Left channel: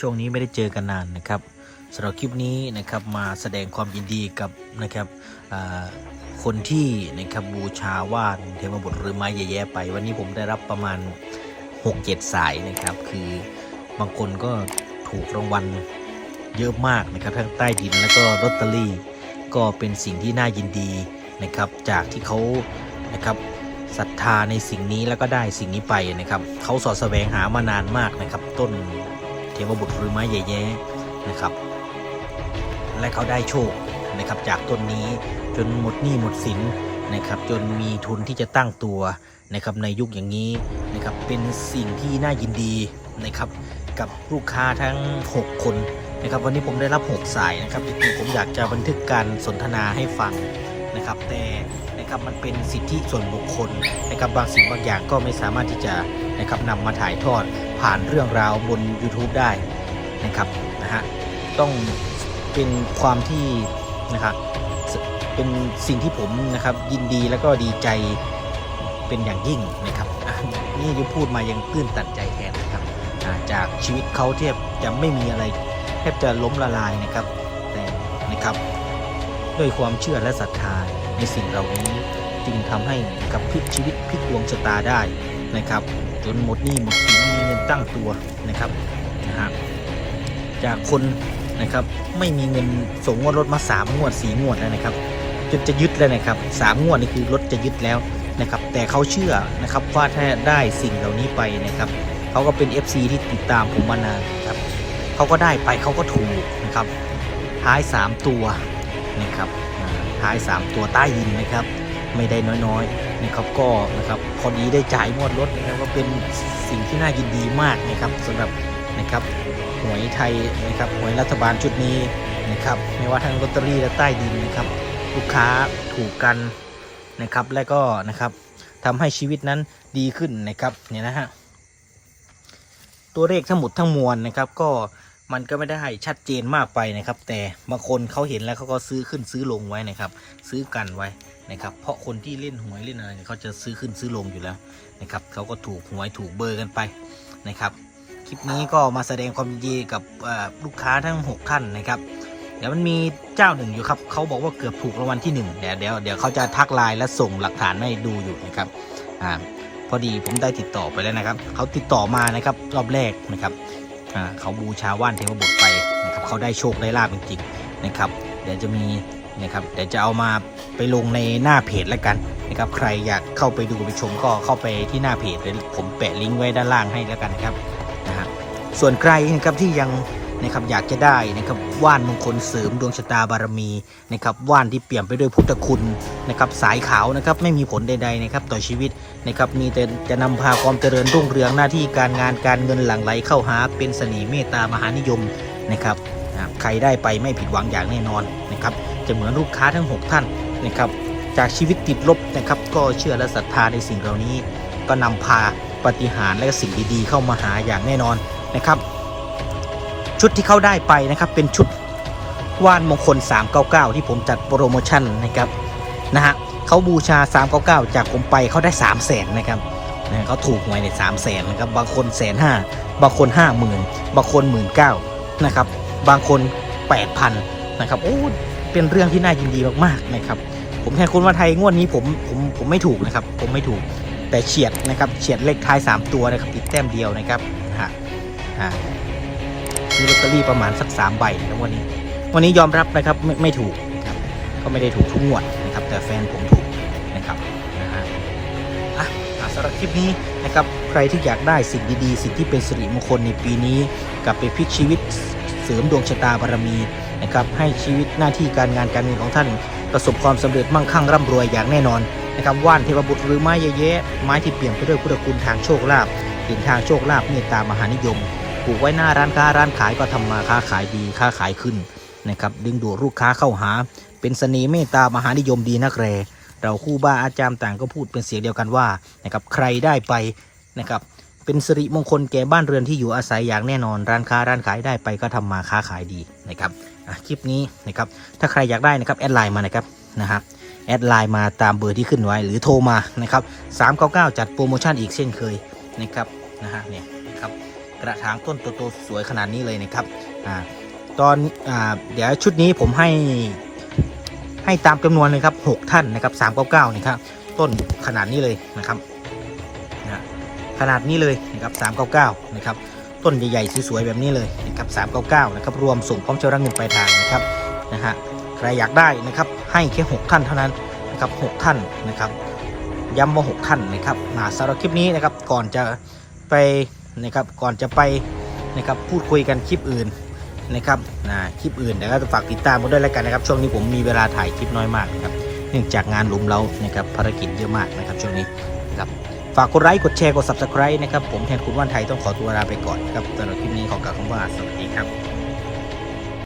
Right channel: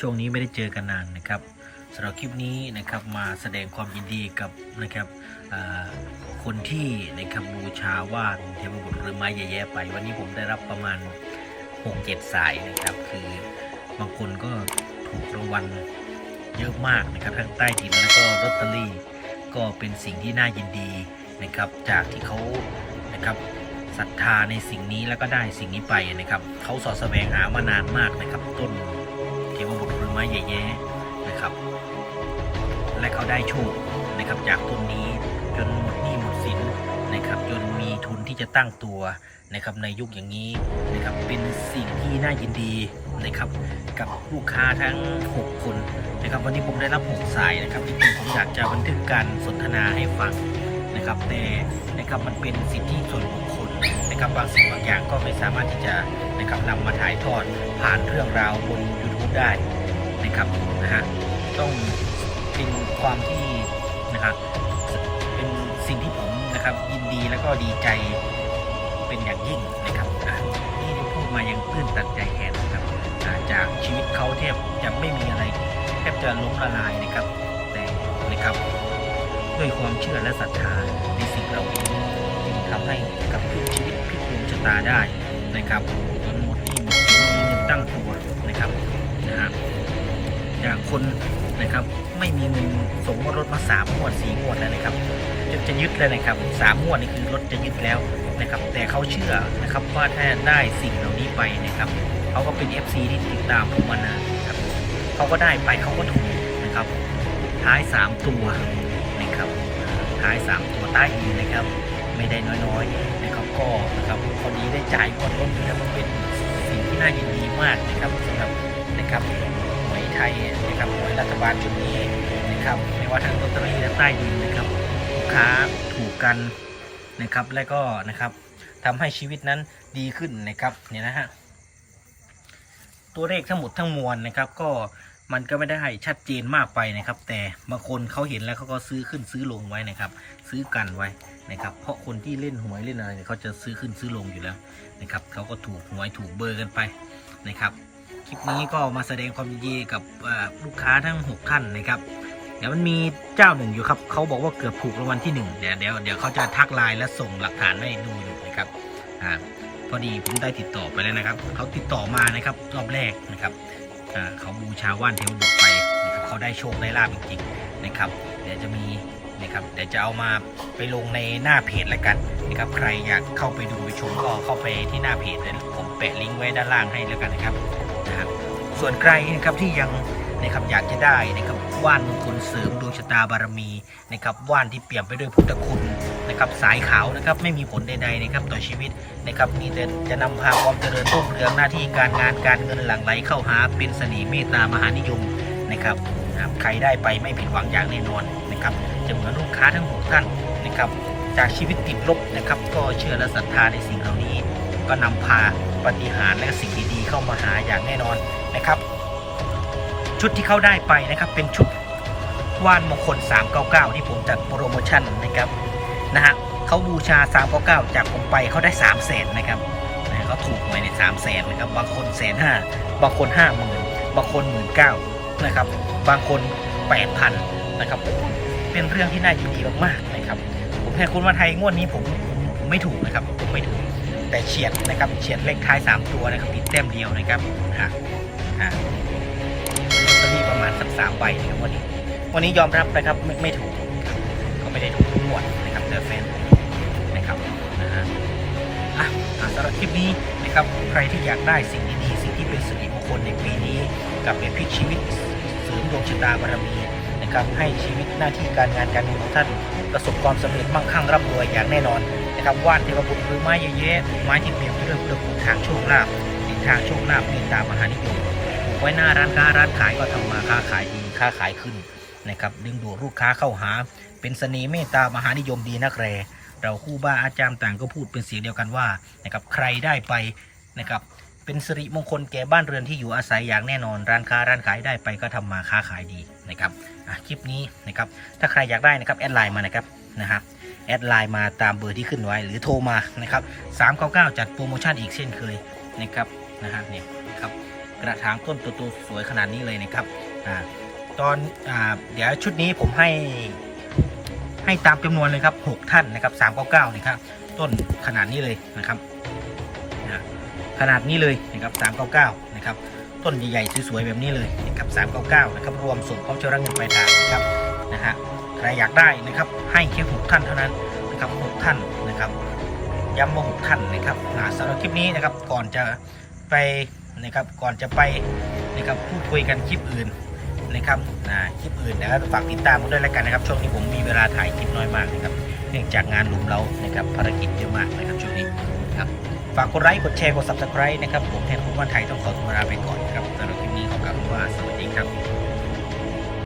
ช่วงนี้ไม่ได้เจอกันนานนะครับสำหรับคลิปนี้นะครับมาแสดงความยินดีกับนะครับคนที่นะครับบูชาว่านเทวบุตรหรือไม้แย่ๆไป วันนี้ผมได้รับประมาณ 6-7 สายนะครับ คือบางคนก็ถูกรางวัลเยอะมากนะครับทั้งใต้ดินแล้วก็ลอตเตอรี่ ก็เป็นสิ่งที่น่ายินดีนะครับ จากที่เขานะครับศรัทธาในสิ่งนี้แล้วก็ได้สิ่งนี้ไปนะครับเขาสอดแสวงหามานานมากนะครับ ต้น ทวบุตรหรือไม้ใหญ่แย้นะครับ และเขาได้โชคนะครับจากต้นนี้จนหมดหนี้หมดสินนะครับจนมีทุนที่จะตั้งตัวนะครับในยุคอย่างนี้นะครับเป็นสิ่งที่น่ายินดีนะครับกับลูกค้าทั้ง 6 คนนะครับวันนี้ผมได้รับ 6 สายนะครับจริงๆผมอยากจะบันทึกการสนทนาให้ฟัง นะครับ แต่นะครับมันเป็นสิทธิส่วนบุคคลนะครับบางสิ่งบางอย่างก็ไม่สามารถที่จะนะครับนำมาถ่ายทอดผ่านเรื่องราวบน YouTube ได้นะครับนะฮะต้องเป็นความที่นะครับเป็นสิ่งที่ผมนะครับยินดีแล้วก็ดีใจเป็นอย่างยิ่งนะครับนี่ที่พูดมายังตื้นตันใจแทนนะครับจากชีวิตเขาเทียบจะไม่มีอะไรแทบจะล้มละลายนะครับแต่นะครับ ด้วยความเชื่อและศรัทธาในสิ่งเหล่านี้จึงทำให้กับพลิกชีวิตพลิกดวงชะตาได้นะครับ จนหมดหนี้หมดสินมีเงินตั้งตัวนะครับนะฮะจากคนนะครับไม่มีเงินส่งงวดรถมาสามงวดสี่งวดแล้วนะครับจนจะยึดแล้วนะครับสามงวดนี่คือรถจะยึดแล้วนะครับ แต่เขาเชื่อนะครับว่าถ้าได้สิ่งเหล่านี้ไปนะครับเขาก็เป็น FC ที่ติดตามผมมานานครับเขาก็ได้ไปเขาก็ถูกนะครับ ท้าย 3 ตัวนะครับ ท้าย 3 ตัวใต้ดินนะครับ ไม่ได้น้อยๆนะครับก็นะครับคนนี้ได้จ่ายหมดรถนะครับเป็นสิ่งที่น่ายินดีมากนะครับสำหรับนะครับหวยไทยนะครับหวยรัฐบาลชุดนี้นะครับไม่ว่าทั้งลอตเตอรี่และใต้ดินนะครับ ลูกค้าถูกกันนะครับและก็นะครับทำให้ชีวิตนั้นดีขึ้นนะครับเนี่ยนะฮะตัวเลขทั้งหมดทั้งมวลนะครับก็ มันก็ไม่ได้ชัดเจนมากไปนะครับ แต่บางคนเขาเห็นแล้วเขาก็ซื้อขึ้นซื้อลงไว้นะครับ ซื้อกันไว้นะครับ เพราะคนที่เล่นหวยเล่นอะไรเนี่ยเขาจะซื้อขึ้นซื้อลงอยู่แล้วนะครับเขาก็ถูกหวยถูกเบอร์กันไปนะครับ คลิปนี้ก็มาแสดงความยินดีกับลูกค้าทั้ง 6 ท่านนะครับเดี๋ยวมันมีเจ้าหนึ่งอยู่ครับเขาบอกว่าเกือบถูกรางวัลที่หนึ่งเดี๋ยวเดี๋ยวเดี๋ยวเขาจะทักไลน์และส่งหลักฐานให้ดูอยู่นะครับอ่าพอดีผมได้ติดต่อไปแล้วนะครับ เขาติดต่อมานะครับรอบแรกนะครับ เขาบูชาว่านเทวบุตรไปนะครับเขาได้โชคได้ลาบจริงๆนะครับเดี๋ยวจะมีนะครับเดี๋ยวจะเอามาไปลงในหน้าเพจแล้วกันนะครับใครอยากเข้าไปดูไปชมก็เข้าไปที่หน้าเพจเดี๋ยวผมแปะลิงก์ไว้ด้านล่างให้แล้วกันครับนะครับส่วนใครนะครับที่ยัง นะครับอยากจะได้นะครับว่านมงคลเสริมดวงชะตาบารมีนะครับว่านที่เปี่ยมไปด้วยพุทธคุณนะครับสายขาวนะครับไม่มีผลใดๆนะครับต่อชีวิตนะครับมีแต่จะนำพาความเจริญรุ่งเรืองหน้าที่การงานการเงินหลั่งไหลเข้าหา เป็นเสน่ห์เมตตามหานิยมนะครับใครได้ไปไม่ผิดหวังอย่างแน่นอนนะครับจะเหมือนลูกค้าทั้ง 6 ท่านนะครับจากชีวิตติดลบนะครับก็เชื่อและศรัทธาในสิ่งเหล่านี้ ก็นำพาปฏิหารและสิ่งดีๆเข้ามาหาอย่างแน่นอนนะครับ ชุดที่เขาได้ไปนะครับเป็นชุดว่านมงคล 399 ที่ผมจัดโปรโมชั่นนะครับนะฮะเขาบูชา 399 จากผมไปเขาได้ 3 0 0แสนนะครับนะเขาถูกหวยในสามแสนนะครับบางคนแสนห้าบางคนห้าหมื่นบางคนหมื่นเก้านะครับบางคนแปดพันนะครับโอ้เป็นเรื่องที่น่ายินดีมากๆนะครับ ผมแทนคนวันไทยงวดนี้ผมผมผมไม่ถูกนะครับ ผมไม่ถูกแต่เฉียดนะครับเฉียดเลขท้าย 3 ตัวนะครับอีกแต้มเดียวนะครับฮะฮะ ซื้อลอตเตอรี่ประมาณสักสามใบนะครับวันนี้ วันนี้ยอมรับนะครับไม่ไม่ถูกก็ไม่ได้ถูกทุกงวดนะครับ แต่แฟนผมถูกนะครับนะฮะอะสำหรับคลิปนี้นะครับใครที่อยากได้สิ่งดีๆ สิ่งที่เป็นสิริมงคลในปีนี้กลับไปพลิกชีวิตเสริมดวงชะตาบารมีนะครับให้ชีวิตหน้าที่การงานการเงินของท่าน ประสบความสำเร็จมั่งคั่งร่ำรวยอย่างแน่นอนนะครับว่านเทพบุตรหรือไม้เยอะแยะไม้ที่เปลี่ยนไปด้วยพุทธคุณทางโชคลาภถึงทางโชคลาภเมตตามหานิยม ลูกไว้หน้าร้านค้าร้านขายก็ทำมาค้าขายดีค้าขายขึ้นนะครับดึงดูดลูกค้าเข้าหา เป็นเสน่ห์เมตตามหานิยมดีนักแรเราคู่บ้าอาจารย์ต่างก็พูดเป็นเสียงเดียวกันว่านะครับใครได้ไปนะครับเป็นสิริมงคลแก่บ้านเรือนที่อยู่อาศัยอย่างแน่นอน ร้านค้าร้านขายได้ไปก็ทำมาค้าขายดีนะครับคลิปนี้นะครับถ้าใครอยากได้นะครับแอดไลน์มานะครับนะครับแอดไลน์มาตามเบอร์ที่ขึ้นไว้หรือโทรมานะครับ399 จัดโปรโมชั่นอีกเช่นเคยนะครับนะฮะเนี่ยนะครับ กระถางต้นโตๆสวยขนาดนี้เลยนะครับอ่าตอนอาเดี๋ยวชุดนี้ผมให้ให้ตามจำนวนเลยครับ 6 ท่านนะครับ399นี่ครับต้นขนาดนี้เลยนะครับนะขนาดนี้เลยนะครับ399นะครับต้นใหญ่ๆสวยๆแบบนี้เลยนะครับ399นะครับรวมส่งพร้อมเจ้ารังเงินปลายทางนะครับนะฮะใครอยากได้นะครับให้แค่6ท่านเท่านั้นนะครับ6ท่านนะครับย้ำว่าหกท่านนะครับอ่าสำหรับคลิปนี้นะครับก่อนจะไป นะครับก่อนจะไปนะครับพูดคุยกันคลิปอื่นนะครับนะคลิปอื่นเดี๋ยวก็ฝากติดตามกันด้วยแล้วกันนะครับ ช่วงนี้ผมมีเวลาถ่ายคลิปน้อยมากนะครับเนื่องจากงานหลุมเรานะครับภารกิจเยอะมากนะครับช่วงนี้นะครับฝากกดไลค์กดแชร์กด subscribe นะครับผมแทนคุณว่านไทยต้องขอตัวลาไปก่อนครับสำหรับคลิปนี้ขอกล่าวว่าสวัสดีครับ